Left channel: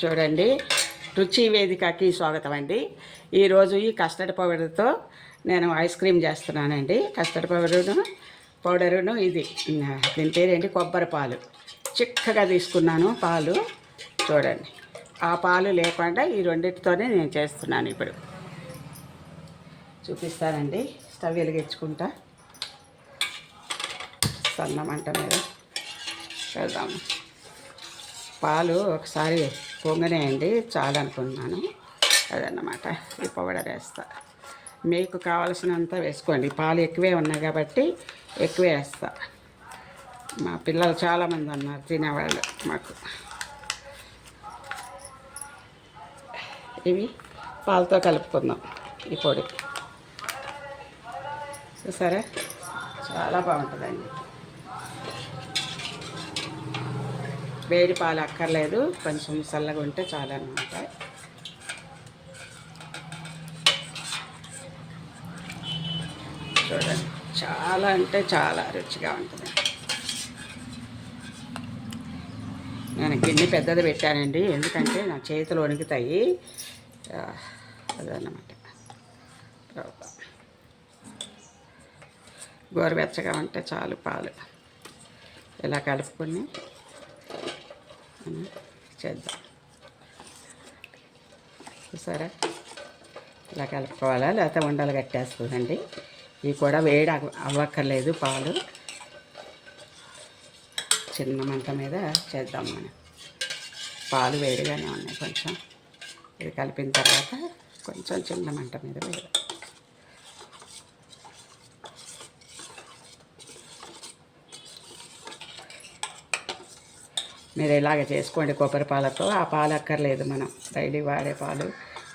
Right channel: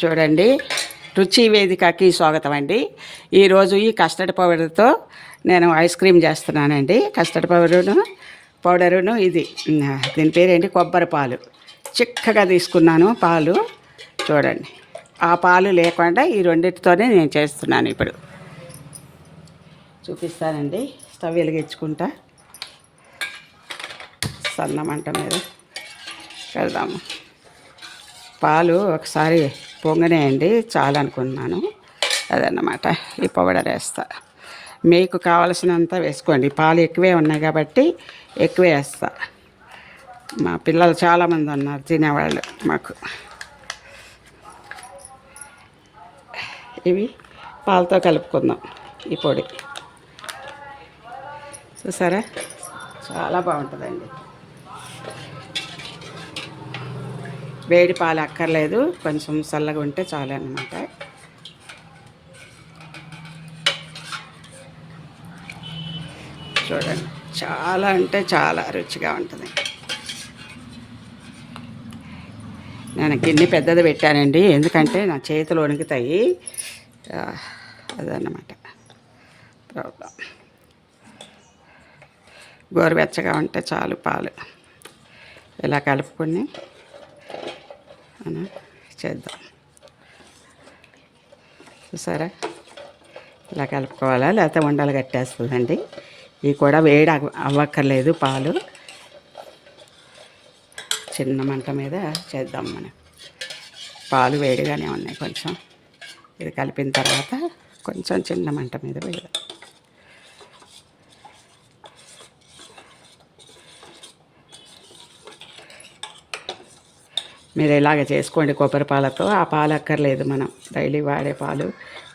చూడండి, రుచి వేదికకి స్వాగతం అండి. ఈరోజు ఈ కస్టర్డ్ పౌడర్తో నేను ఐస్ క్రీమ్ చేస్తున్నానండి. కస్టర్డ్ పౌడరును ఇది దీని పేరేంటి, కొబ్బరి పాలు చిక్కగా తీసుకున్నాను. పాలు చూడండి, ఆ పాలు లేకుండా ఈ రెండింటితోనే నేను చేస్తున్నాను. ఇప్పుడు చూపిస్తానండి. స్టవ్ వెలిగించుకుంటా, సన్న మంట మీద వెళ్దాము. పాలు ఒకసారి పొంగనేయండి, చాలా అనుకున్నాను. అదన్నమాట. ఈ పౌడర్ వేస్తా. మీకు కావలసినంత వేసుకోండి. పాలు ఎక్కువే ఉన్నాయి కాబట్టి ఎక్కువే వేస్తా. మా పిల్లలు చాలామంది ఉన్నారు తినేవాళ్ళు మాకు. ఇవి పాలతో కలుపుకుందాం. ఈ పొడి చూసారా, చాలా బాగుంటుందండి. వేడి పాలు అక్కర్లేదు, కొంచెం చల్లగా ఉంటే చాలు అన్నమాట. చూడండి, చాలా అంటే చాలా రుచిగా ఉంటుంది. నేను గిన్నె పెద్దది పెట్టానండి, ఎందుకంటే నా చేతులు వణుకుతాయి. అదన్నమాట ప్రాబ్లం. గోరువెచ్చగా ఉంటే చాలు పాలు. ఇలా కలుపుకొని చేద్దాం. చూసారా, ఇలా కలుపుకోవాలా, లేకపోతే ఉండలు కట్టేస్తుందండి. ఇవి కూడా వేడి అవ్వక్కర్లేదు. పాలు చిన్న మంట మీద చేద్దాం మనం. పాలు వేడిగానే ఉన్నాయి. కొంచెం ఇది కలిపిన తర్వాత కొంచెం చిన్న మంట మీద వేయాలి. మీరు ఇలాగ చేసుకోండి కొబ్బరి పాలతో. ఆ పాలు అక్కర్లేదు, మనం డైలీ వాడే పాలు,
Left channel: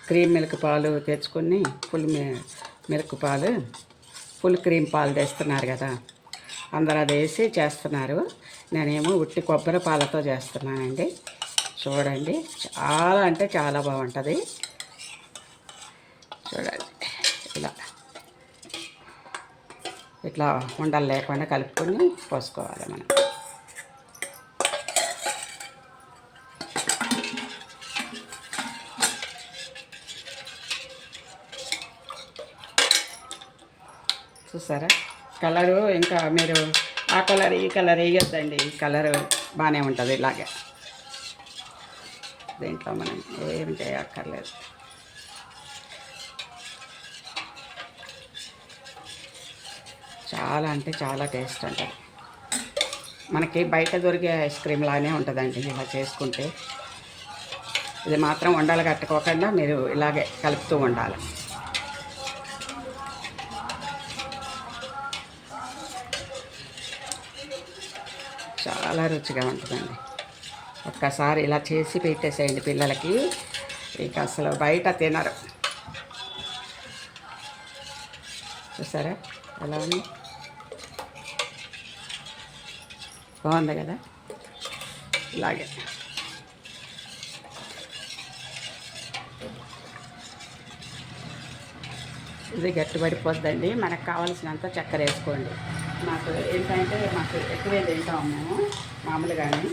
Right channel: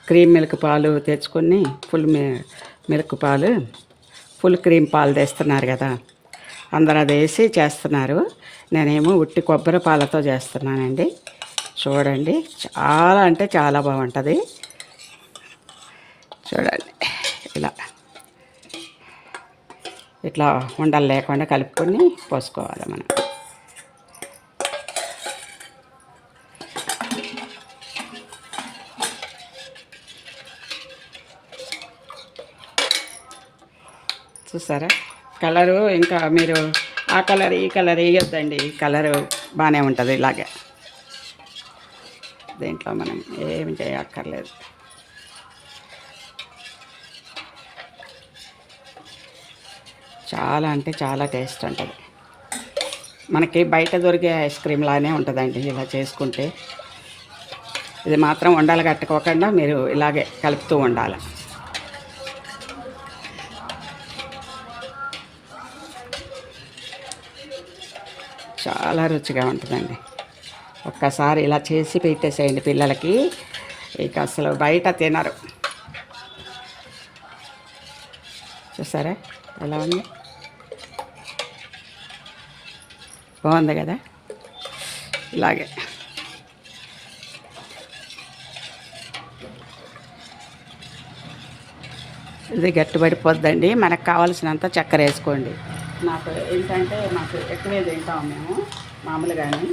క్రీమ్ మిల్క్ పాలు తెచ్చుకొని ఫుల్ మిల్క్ పాలు, ఫుల్ క్రీమ్ పాలు తెస్తున్నారు కదా, అందరూ అది వేసి చేస్తున్నారు. నేనేమో ఉట్టి కొబ్బరి పాలతో చేస్తున్నానండి. చూడండి, చాలా అంటే చాలా బాగుంటుంది. చూడండి, ఇట్లా ఉండలు లేకుండా కలుపుకొని పోసుకోవాలి మనం. చూసారా, కలరు ఇంకా మీరు ఆ కలర్ ఈ కలర్ వేయొద్దండి. ఈ కలరు బాగానే ఉంటుంది. ఇలాగే దీంట్లో మనం ఏమి చేయక్కర్లేదు. చాలా అంటే చాలా టేస్ట్ ఉంటుంది. మనకి బయట దొరికే ఐస్ క్రీమ్ లానే ఉంటుందండి ఇలా చేసుకుంటే. ఇది మాత్రం ఉండాలి కట్టుకోకుండా మీరు ఇలాగే కలుపుతూ ఉండాలి. చాలా రుచిగా ఉంటుందండి. ఒక్కసారి ఇలా చేసి పెట్టేసేయండి పిల్లలకి, ఇక అసలు బయట తినరు. చూసారా ఎలా ఉంది, బాగుంది కదా. ఇలాగే ఇది గట్టిపడిపోద్దండి. మనకు కావాల్సినంత చక్కెర వేసుకోండి. నాకు ఏంటంటే మాకు ఎక్కువే తింటాము మేము మామూలుగానే.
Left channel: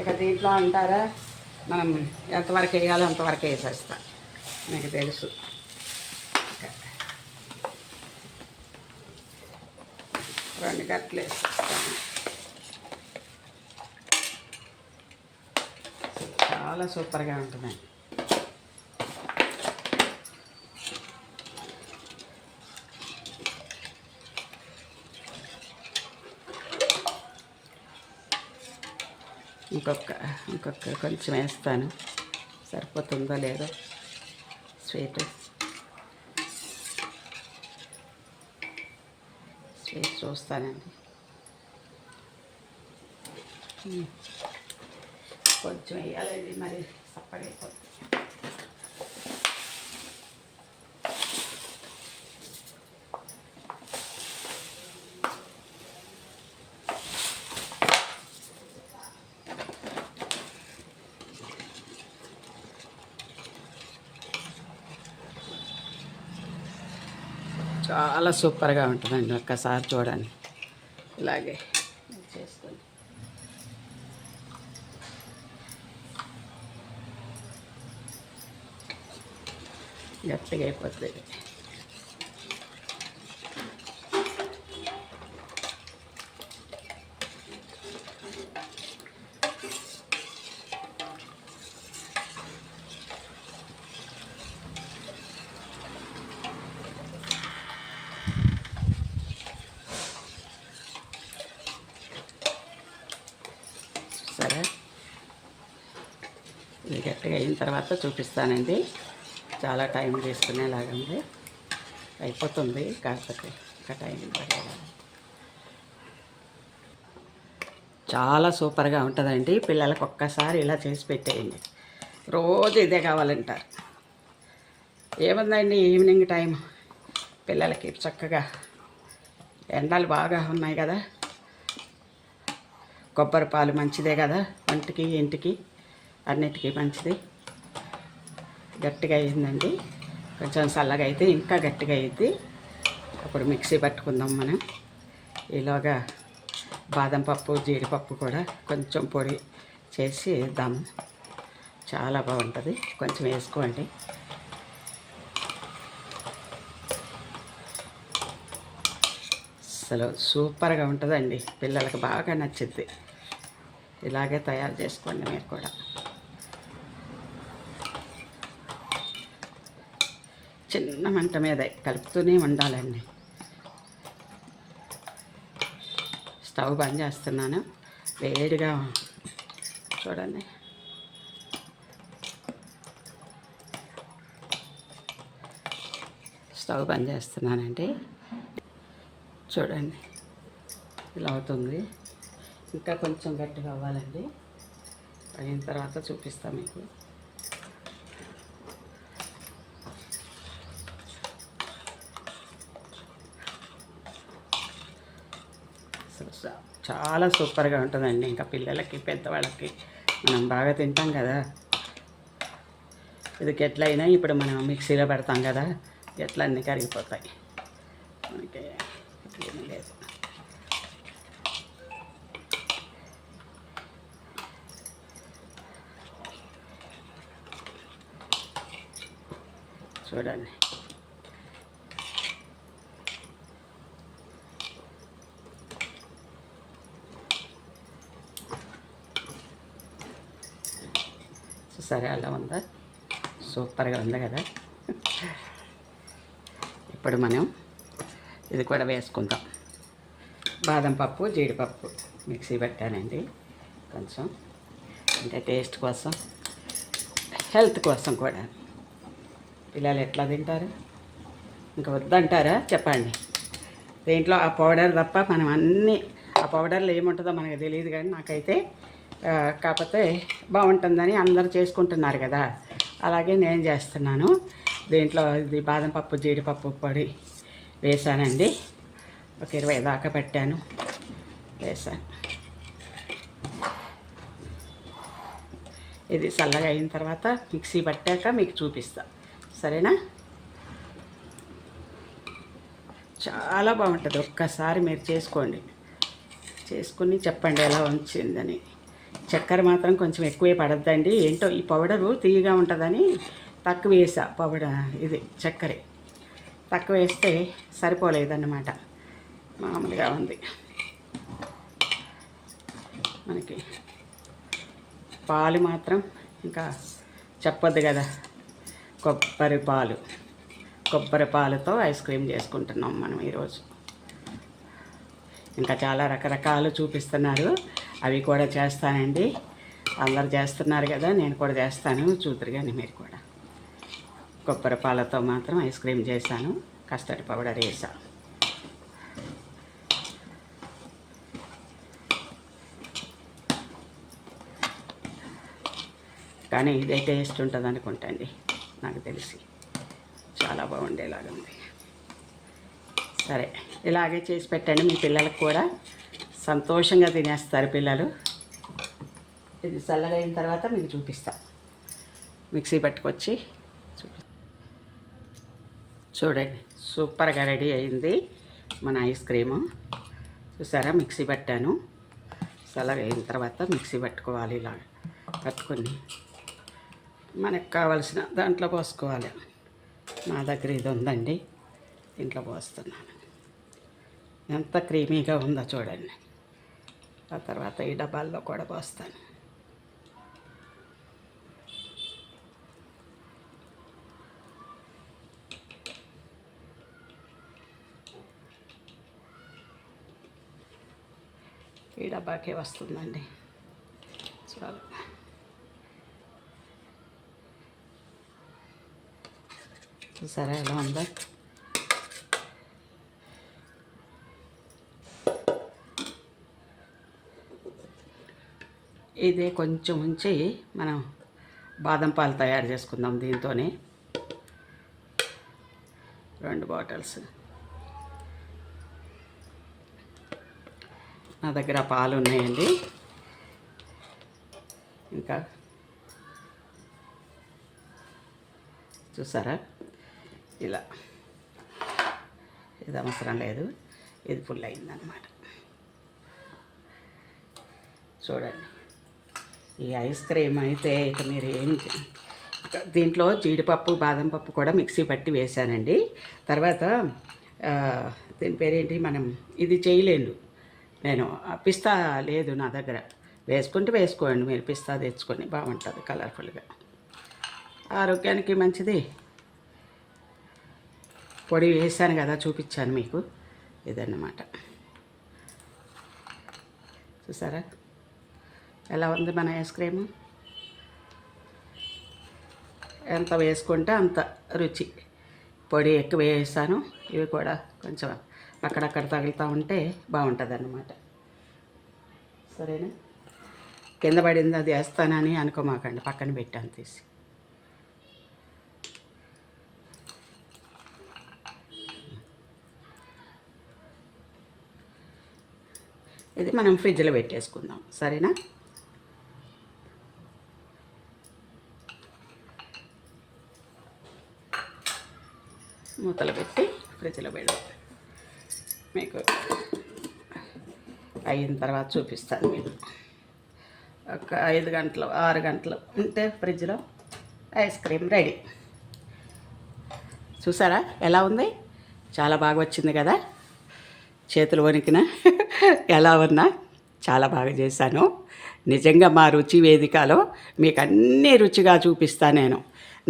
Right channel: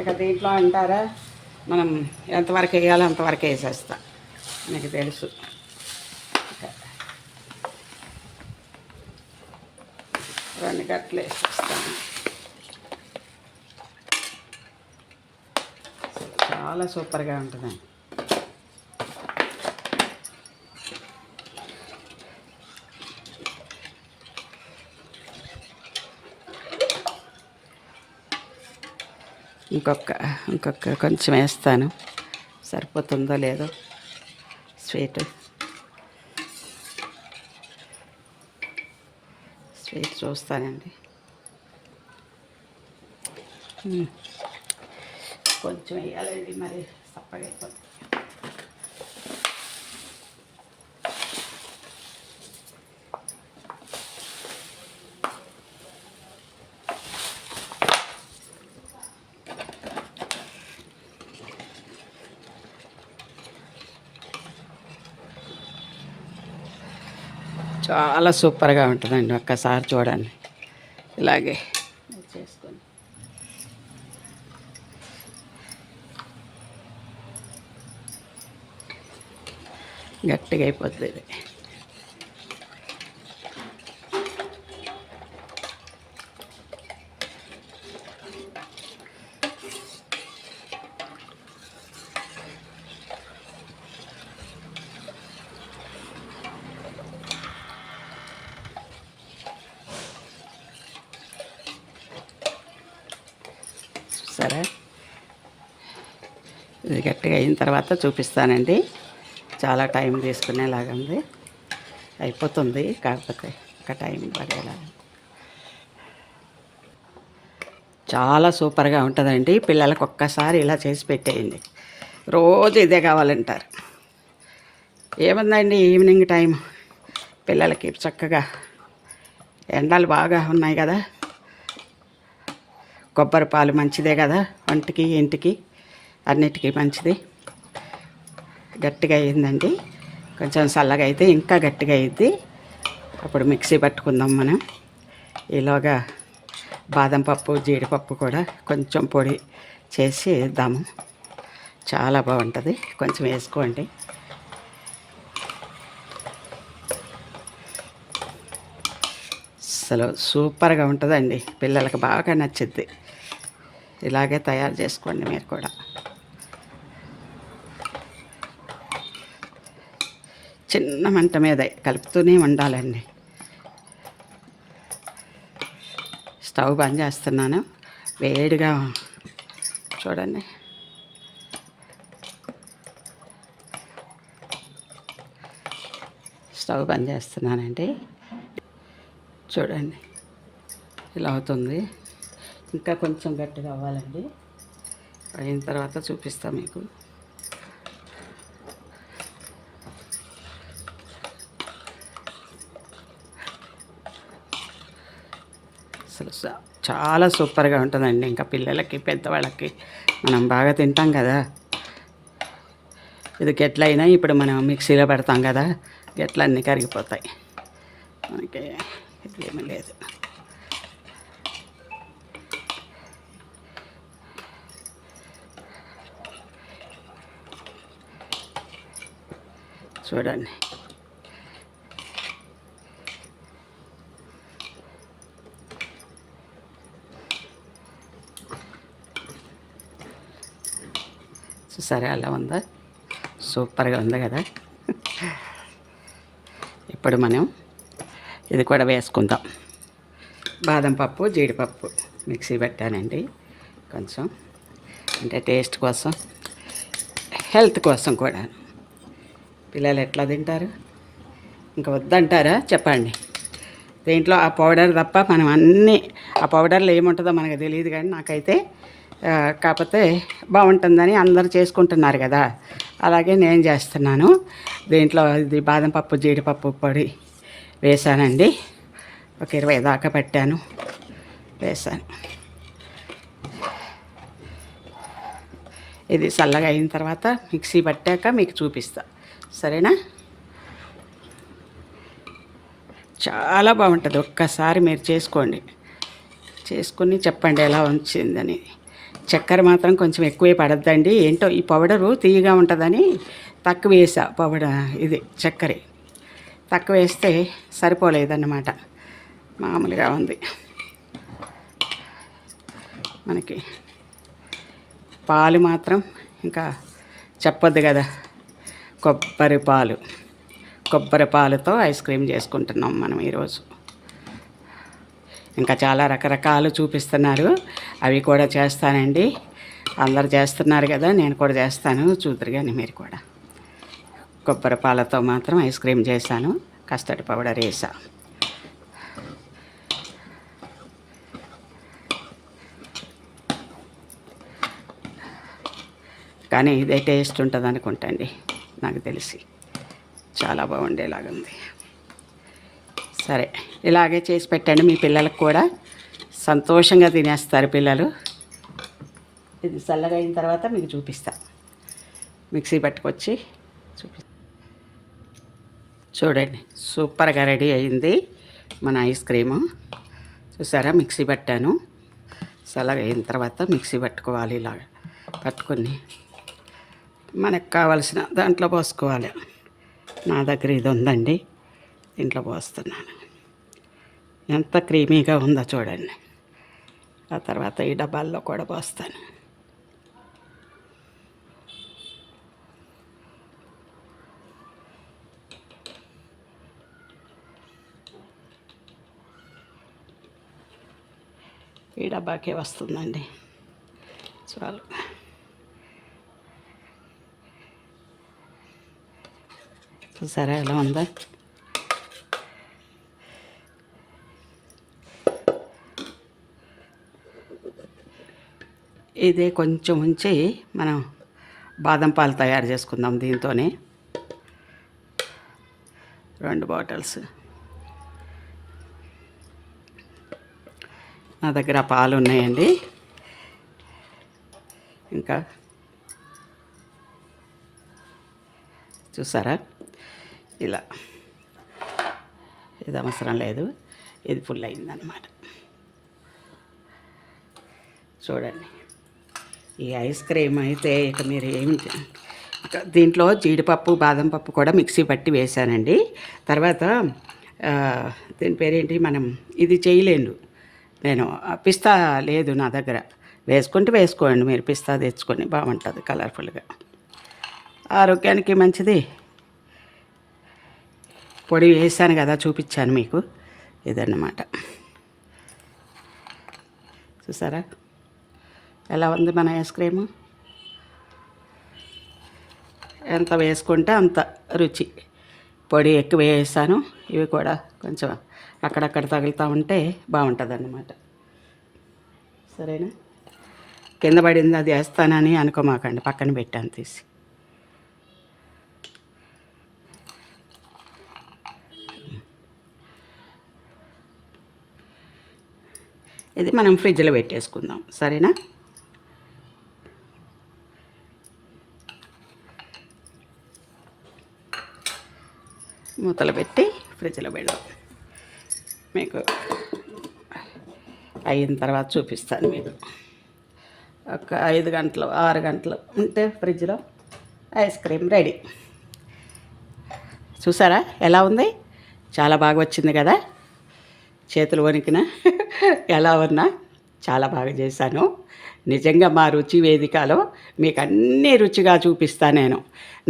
ఇక దీంట్లో అంటారా, మనం ఎంతవరకు వేయాలో అంతవరకు వేసేస్తాం, నాకు తెలుసు. రెండు గట్లు వేసేస్తాను. చాలా సూపర్గా ఉంటుందండి. ఇంకొక కొంచెం వేస్తాను, సరిపోతుందో లేదో. స్వీట్ చూస్తానండి. కొంచెం వేయాలండి, మరి సప్పడైపోతుంది. చాలా సూపర్గా ఉంటుందండి. ఒక్కసారి చూడండి. ఇలాగే చేసుకొని గట్టిగా అయిపోతుంది ఇది. సరే, ఇది గట్టిగా అయిన తర్వాత చూపిస్తానండి. చాలా టైం తీసుకునేలాగా ఉంది. అయిపోతుంది, కాకపోతే ఇంకా టైం పడేలా. చాలా సూపర్గా ఉంటుందండి. పిల్లలకు ఒక్కసారి ఇలా చేసి పెట్టేయండి. రోజు ఇదే కావాలంటారు. ఏముందండి, ఈవినింగ్ టైం పిల్లలకి చక్కగా, ఎండలు బాగా ఉన్నాయి కదా, కొబ్బరి పాలు మంచిదే కదా, ఒంటికి ఇంటికి అన్నిటికీ మంచిది. గట్టిగా అయిందండి. కొంచెం చల్లగా అయితే ఇంకా గట్టిగా అయ్యిద్ది. అప్పుడు మిక్సీ పట్టుకుందాం మనం. ఈలోగా బాదం పప్పు, జీడిపప్పు కూడా కొంచెం పొడి చేసి ఇద్దాము. చాలా బాగుంటుంది, కొంచెం వేసుకోండి. అసలు సూపర్గా ఉంటుందండి. పిల్లలకు బాగా నచ్చుద్ది. ఇలాగే తయారు చేసుకోండి మీరు కూడా. చిన్న మంట మీద కలుపుతూనే ఉండాలండి. స్టవ్ బంద్ చేస్తున్నాను. వేడిగా చూడండి. స్టవ్ బంద్ చేస్తున్నానండి. చూడండి ఇలా అవుతుంది. ఇంకా కొంచెం గట్టిగా అవ్వాలండి. అయిన తర్వాత చూపిస్తాను మీకు. అసలు చాలా సూపర్గా ఉంటుందండి. ఇంకా పిల్లలకి, పెద్దవాళ్ళకి మనం బాగా తింటాం కదా. ఇది గెట్లయినా ఇప్పుడు మనం మిక్సీలో పెడతాం కదా, గెట్లన్నీ కరిగిపోతాయి. మనకి ఏమీ లేదు. చూడండి, సరే అలా ఉందా, సూపర్గా ఉంది కదా. ఇప్పుడు మనం ఇది కూడా వేసుకుందాం. బాదం పప్పు, జీడిపప్పు మిక్సీ పెట్టానండి. కొంచెం అంటే టేస్ట్ కోసం, హెల్త్ కోసం కూడా. పిల్లలు ఎట్లా తింటారు? ఇంకా వద్దంటారా చెప్పండి. దీంట్లో ఆ పౌడర్ తప్ప మనం అన్నీ, ఆ పౌడర్లో ఏముంటుందో మనకు తెలియదు, కానీ నాకైతే కాకపోతే బాగుంటుందని అందరూ చేసుకుంటున్నారు కదా, అలాగే నేను చేస్తున్నాను. దీంట్లో ఇది బాదం పప్పు, జీడిపప్పు పొడి వేసానండి. ఒక 20 దాకా పెట్టాను, వేసాను. ఇది చల్లగా అయిన తర్వాత మిక్సీ పట్టాక మీకు చూపిస్తా, సరేనా? చాలా బాగుంటుంది. ఒక్కసారి మీరు చేసుకోండి, చేసుకుని చెప్పండి ఎలా వచ్చిందని. చక్కెర మాత్రం కొంచెం ఎక్కువే పడద్దండి. ఏంటో ఈ పౌడరు తీయగా ఉంటుందని తక్కువ వేసా. పౌడర్ ఇది చక్కెర తక్కువ వేస్తే సరిపోలేదన్నమాట. మామూలుగా ఉంది. మనకి పాలు మాత్రం ఇంకా చెప్పొద్దు కదా, కొబ్బరి పాలుతో ఐస్ క్రీమ్ చేసుకుంటున్నాం మనం ఈరోజు. ఇంకా చాలా రకరకాలు చూపిస్తున్నారు, అవి కూడా చేస్తానండి. అందరు చేస్తున్నారు కదా, నేను కూడా చేస్తాను, చూద్దరు కానీ మీరు కూడా. కొబ్బరి పాలతో మాత్రం ఐస్ క్రీమ్ చేశాను, కస్టర్డ్ పౌడర్ వేసా. కానీ ఇదే టేస్ట్ ఉంటుంది అనుకుంటండి, నాకు తెలిసి. చాలా బాగుండేలాగుంది. సరే, ఇలాగే చేసి పెట్టండి. మీ పిల్లలకు కూడా సంతోషంగా తినేస్తారు పిల్లలు. ఇది చల్లగా అయిన తర్వాత మీకు చూపిస్తా. మిక్సీ పట్టుకొచ్చి చూడండి, సూపర్గా రెడీ అయింది మన ఐస్ క్రీము. చూసారా, మిక్సీ పట్టాను. చల్లగా అయిన తర్వాత మిక్సీ పట్టుకోవాలి. ఇలాగ పట్టుకొని మనకు కావలసిన దాంట్లో పోసుకోవాలి. నా దగ్గర ఇది ఉందండి, దీంట్లో పోస్తున్నాను. ఎంత క్రీమీగా ఉందో చూడండి. ఆ తర్వాత ఈ డబ్బాల్లో కూడా పోస్తాను. ఈ డబ్బాకే వస్తుందండి, చాలు. చూసారా ఎలా ఉందా? ఇదే కొంచెం ఉంచి మనం బాదం పాలు తయారు చేసుకుందాం. దీంతోనే 2 బాటిల్స్. నా దగ్గర పాలు ఉన్నాయండి. ఇంకా చూసారా ఇలా, ఇది అవసరం లేదు, ఇది ఫుల్ అయిందన్నమాట. చూడండి, ఈ ఐస్ క్రీమ్ అయితే ఇక మీరు ఏమి, దీంట్లో జీడిపప్పు బాదం పప్పు కూడా మిక్సీ పట్టి వేసానండి. తర్వాత దీని పేరేంటి, మనం ఇది చేయలేను నేను, పిస్తా లేదు నా దగ్గర. వేసుకుంటే వేసుకోండి మీరు, పిస్తా తెచ్చుకొని, బాగుంటుంది కలర్ఫుల్గా, ఆరోగ్యానికి మంచిది. పొడి వేసాను కదా, చూపించాను మీకు, ఇదన్నమాట. చూసారా ఎలా ఉంది మన ఐస్ క్రీము? ఎంత వేసుకుంటే అంత రుచి. పొడి ఎక్కువ వేసాను, ఇవి కూడా కొంచెం అక్కడక్కడ తగులుతూ ఉంటే బాగుంటుంది అన్నమాట. సరేనా? కింద పడింది అది వేస్తానని అనుకోమాకండి, పక్కన పెట్టాను తీసి. ఇది మనం ఫ్రిడ్జ్లో పెట్టేసుకుందాం, సరేనా? మూతలు పెట్టి ఫ్రిడ్జ్లో పెడదాం. మీకు అయిన తర్వాత చూపిస్తాను. మీకు ఒక 5 గంటలు 6 గంటలు ఉంటే ఫ్రిడ్జ్లో ఐస్ క్రీమ్ రెడీ. చూసారా ఎలా ఉంది? చాలా బాగా వచ్చింది కదా, చేతులు వణికిన ఎలా ఉన్నా చాలా బాగా చేశాను. నిజంగా మా రుచి వేదికలో మీకు అన్నీ రుచిగా చూపిస్తాను నేను.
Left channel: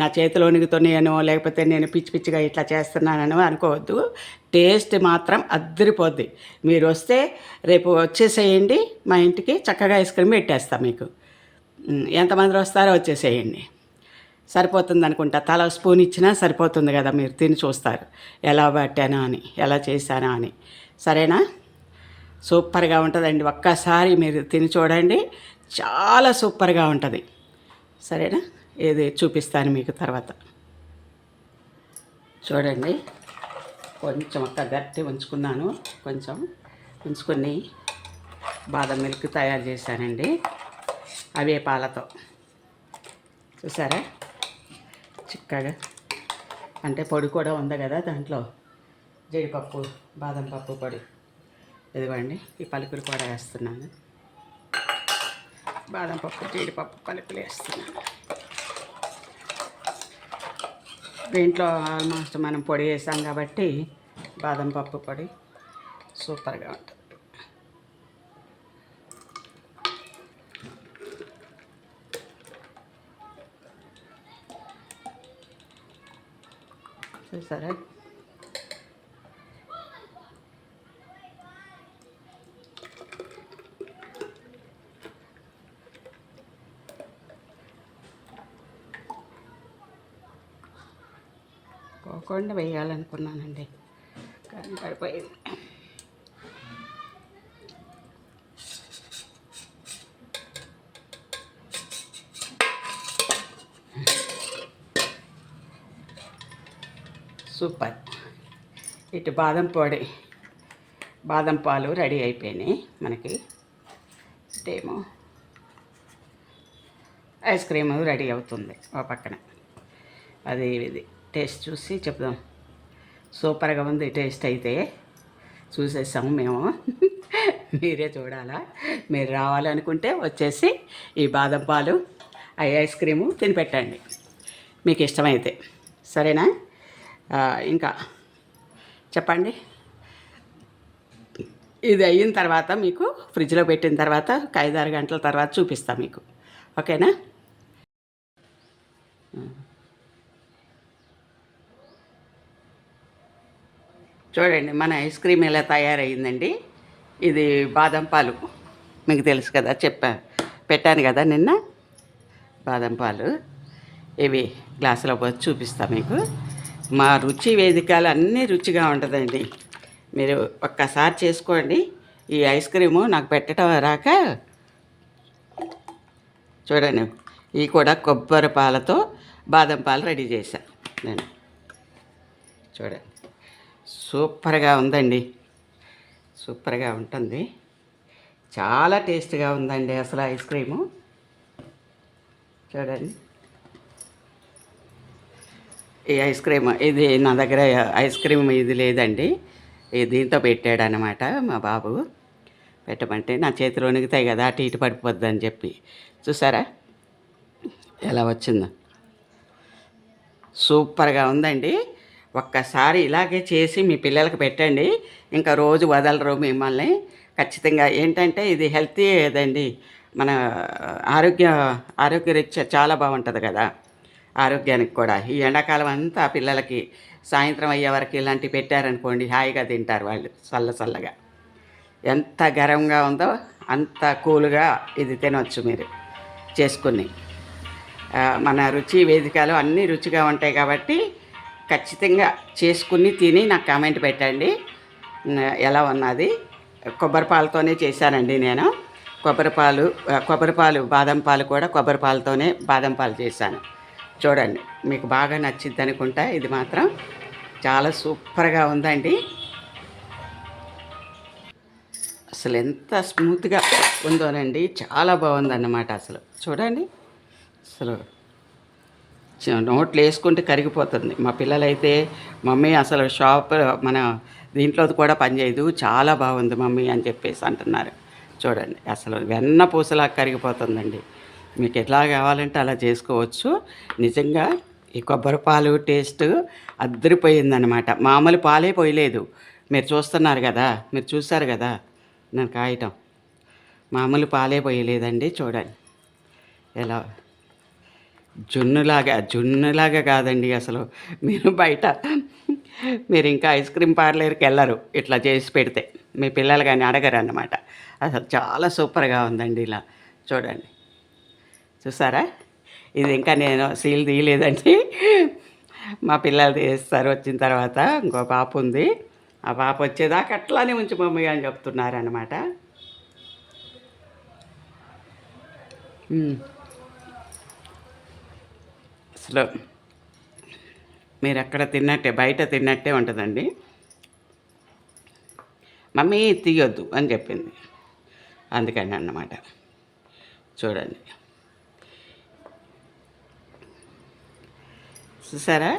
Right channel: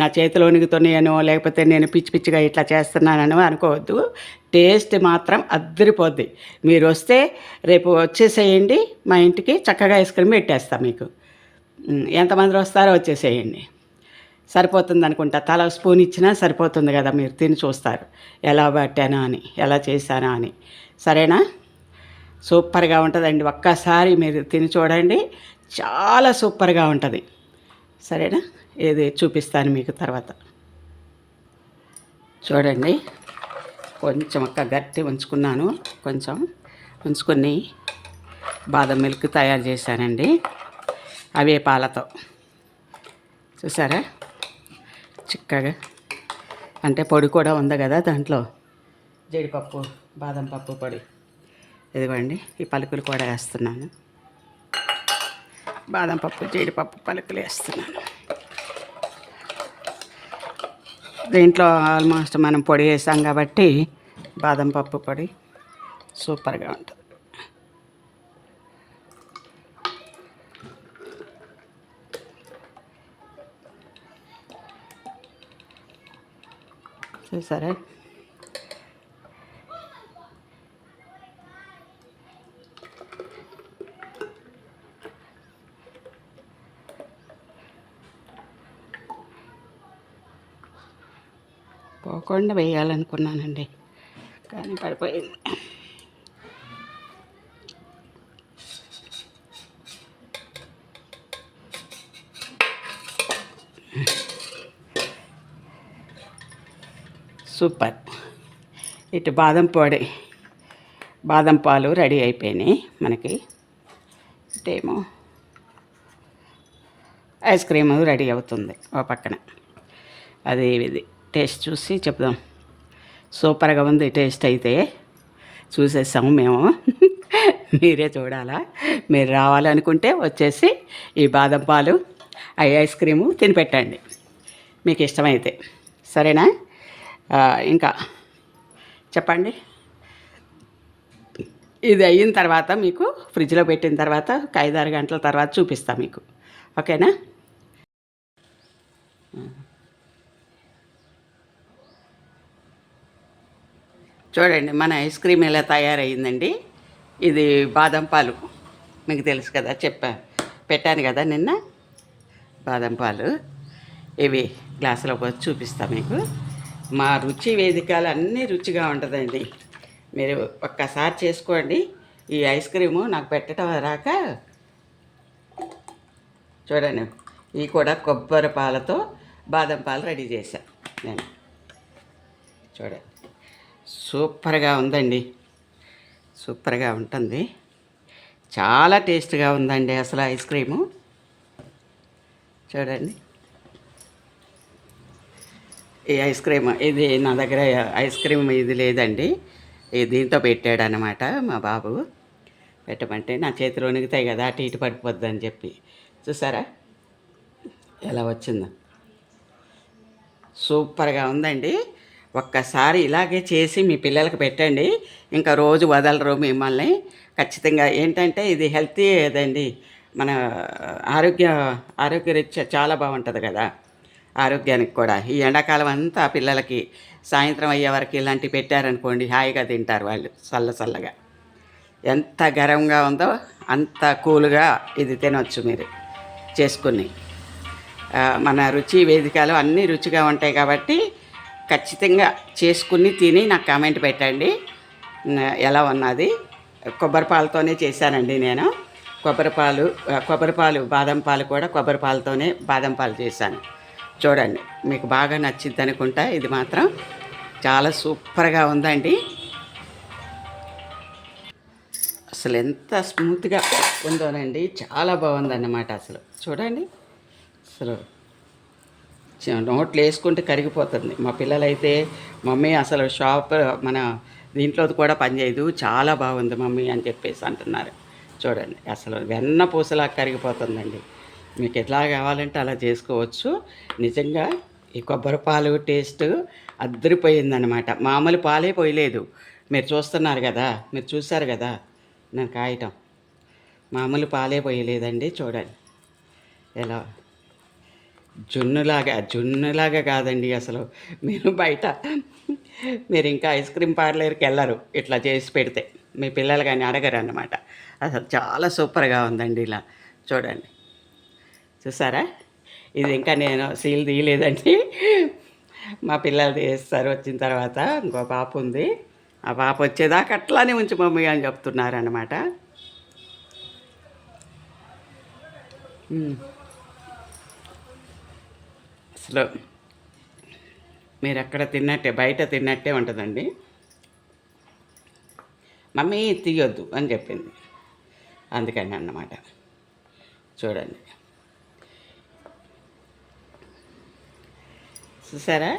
నా చేతులు వణుకుతున్నాయనో లేకపోతే నేను పిచ్చి పిచ్చిగా ఇట్లా చేస్తున్నానో అనుకోవద్దు. టేస్ట్ మాత్రం అద్దరిపోద్ది. మీరు వస్తే రేపు వచ్చేసేయండి మా ఇంటికి, చక్కగా ఐస్ క్రీమ్ పెట్టేస్తాను మీకు. ఎంతమంది వస్తారో వచ్చేసేయండి, సరిపోతుంది అనుకుంటా. తల స్పూన్ ఇచ్చినా సరిపోతుంది కదా, మీరు తిని చూస్తారు ఎలా పట్టానా అని, ఎలా చేశానా అని. సరేనా? సూపర్గా ఉంటుందండి, ఒక్కసారి మీరు తిని చూడండి, చాలా సూపర్గా ఉంటుంది. సరేనా? ఇది చూపిస్తాను మీకు తర్వాత. చూడండి, కొంచెం ఒక్క గట్టి ఉంచుకున్నాను, కొంచెం ఉంచుకొని బాదం మిల్క్ తయారు చేశానండి, అవే పాలతో. చూసారా చిక్కగా, అంటే పొడి కూడా ఉంది కదా దాంట్లో, జీడిపప్పు బాదం పప్పు పొడి. ఇదిగోండి, ఈ పలుకులు కూడా వేస్తున్నాను, బాదం పప్పు జీడిపప్పు పలుకులు వేస్తున్నాను. దీంట్లో ఆల్మోస్ట్ మనం పొడి వేసాం కాబట్టి బాదం పప్పు పొడి సూపర్గా ఉంటుంది. చూసారా? పోకుండా వేయాలనుకున్నానండి, కానీ పడిపోయింది. సూపర్. ఇటు బాదం పొడి బాదం పాలు రెడీ అయిపోయినాయి మనకి. ఇటేమో ఐస్ క్రీమ్ రెడీ అవుతుంది ఓ పక్కన. అది ఇది టేస్ట్ చూసి చెప్దాం. సూపర్గా ఉంది టేస్ట్ అయితే. చూసేసాము మేము, మీరే చూడాలా. మీరు రావాలనుకుంటే వచ్చేసి ఈ బాదం పాలు ఐస్ క్రీము తినిపెట్టండి మీకు ఇష్టమైతే. సరేనా? ఇంకా చెప్పండి. ఇది అయిన తర్వాత మీకు ఫ్రిడ్జ్లో పెట్టిన తర్వాత ఒక 5-6 గంటల తర్వాత చూపిస్తాను మీకు. ఓకేనా? చూడండి మన ఐస్ క్రీమ్ ఎలా తయారయ్యిందండి. ఇది బాదం పాలు, మీకు తెలుసు కదా, పెట్టాను కదా నిన్న. బాదం పాలు ఇవి గ్లాసులో పోసి చూపిస్తా మీకు. మా రుచి వేదికలు అన్నీ రుచిగా ఉంటుందండి. మీరు ఒక్కసారి చేసుకోండి. ఈ ఐస్ క్రీము నాకు పెట్టడం రాక చూడండి, ఇవి కూడా కొబ్బరి పాలతో బాదం పాలు రెడీ చేశాను నేను. చూడండి, సూపర్గా ఉందండి, సూపర్గా ఉంటుంది. చాలా టేస్ట్గా ఉందండి అసలు ఐస్ క్రీము. చూడండి, ఈ ఐస్ క్రీమ్ ఇది నా దగ్గర ఐస్ క్రీమ్ ఇది లేదండి, దీంతో పెట్టాడనమాట మా బాబు. పెట్టమంటే నా చేతిలో వణుకుతాయి కదా, అటు ఇటు పడిపోద్ది అని చెప్పి. చూసారా ఎలా వచ్చిందో? సూపర్గా ఉందండి. ఒక్కసారి ఇలాగే చేసి మీ పిల్లలకి పెట్టండి, ఇంకా రోజు వదలరు మిమ్మల్ని. ఖచ్చితంగా ఏంటంటే ఇది హెల్తీ ఏదండి, మన ఆరోగ్యరీత్యా చాలా బాగుంటుంది కదా, ఆరోగ్యానికి కూడా. ఈ ఎండాకాలం అంతా పిల్లలకి సాయంత్రం అయ్యే వరకు ఇలాంటివి పెట్టారనుకోండి, హాయిగా తింటారు వాళ్ళు చల్లగా. ఎంత గరంగా ఉందో అంత కూల్గా ఇది తినవచ్చు మీరు చేసుకుని. మన రుచి వేదికలు అన్నీ రుచిగా ఉంటాయి కాబట్టి ఖచ్చితంగా చేసుకుని తిని నాకు కామెంట్ పెట్టండి ఎలా ఉన్నది. కొబ్బరి పాలతోనే చేశానండి నేను. కొబ్బరి పాలు బాదం పాలు కూడా కొబ్బరి పాలతోనే బాదం పాలు చేశాను. చూడండి, మీకు బాగా నచ్చింది అనుకుంటా. ఇది మాత్రం చాలా సూపర్గా ఉందండి. అసలు ఎంత స్మూత్గా ఉందోనండి, చాలా బాగుందన్నమాట. అసలు చూడండి, అసలు నోట్లు వేసుకుంటే కరిగిపోతుంది. మా పిల్లలైతే మమ్మీ అసలు మన దీంట్లోది కూడా పనిచేయదు, చాలా బాగుంది మమ్మీ అని చెప్పేసి అంటున్నారు. చూడండి, అసలు వెన్న పూసలా కరిగిపోతుందండి. మీకు ఎట్లా కావాలంటే అలా చేసుకోవచ్చు. నిజంగా ఈ కొబ్బరి పాలు టేస్ట్ అద్దరిపోయిందనమాట. మామూలు పాలే పోయలేదు. మీరు చూస్తున్నారు కదా, మీరు చూశారు కదా నేను కాయటం. మామూలు పాలే పోయలేదండి. చూడండి ఎలా జున్నులాగా కాదండి అసలు. మీరు ఇంకా ఐస్ క్రీమ్ పార్లర్కి వెళ్ళరు ఇట్లా చేసి పెడితే. మీ పిల్లలు కానీ అడగరు అన్నమాట. అసలు చాలా సూపర్గా ఉందండి. ఇలా చూడండి, చూసారా? ఇది ఇంకా నేను సీల్ తీయలేదండి, మా పిల్లలు తీస్తారు వచ్చిన తర్వాత. ఇంకో పాప ఉంది, ఆ పాప వచ్చేదాకా అట్లానే ఉంచి మమ్మీ అని చెప్తున్నారనమాట. అసలు మీరు ఎక్కడ తిన్నట్టే, బయట తిన్నట్టే ఉంటుందండి. మమ్మీ తీయొద్దు అని చెప్పింది, అందుకని అన్నమాట. చూడండి, చూసారా?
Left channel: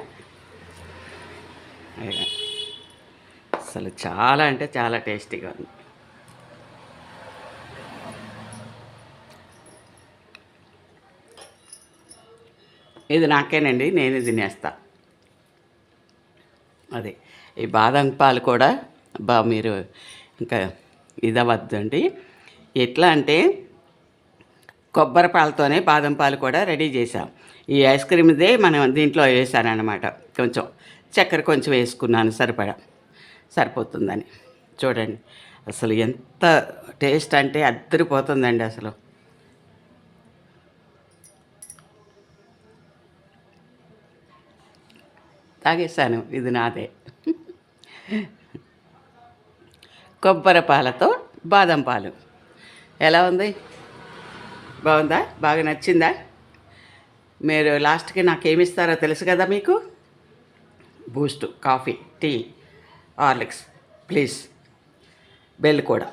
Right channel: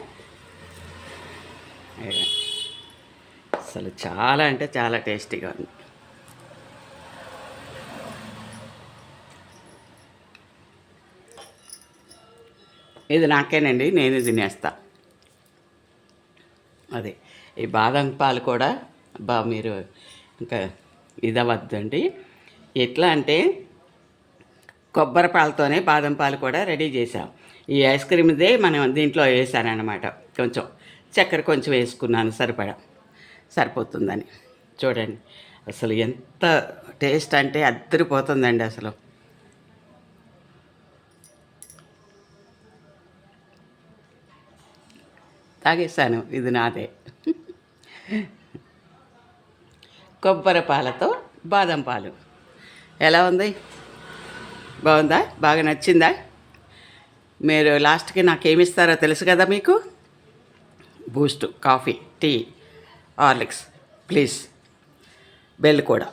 అసలు చాలా అంటే చాలా టేస్టీగా ఉంది. ఇది నాకేనండి, నేను తినేస్తా. అదే ఈ బాదం పాలు కూడా మీరు ఇంకా ఇదవద్దండి. ఎట్లా అంటే కొబ్బరి పాలతోనే బాదం పాలు కూడా రెడీ చేసాం. ఈ ఐస్ క్రీమ్దే మనం దీంట్లో వేసానన్నమాట. కొంచెం చక్కెర కొంచెం వేసుకున్నాను, సరిపోతుందని. చూడండి, అసలు ఎంత టేస్ట్ అంటే అద్దరిపోతుందండి అసలు. తాగేసాను, ఇది నాదే. కొబ్బరి పాలతో బాదం పాలు ఎలా ఉంది? బాగుందా? బాగా నచ్చిందా? మీరు లాస్ట్కి నాకు ఏమిస్తారో తెలుసు కదా మీకు. Boost, coffee, tea, Horlicks, please bell కూడా.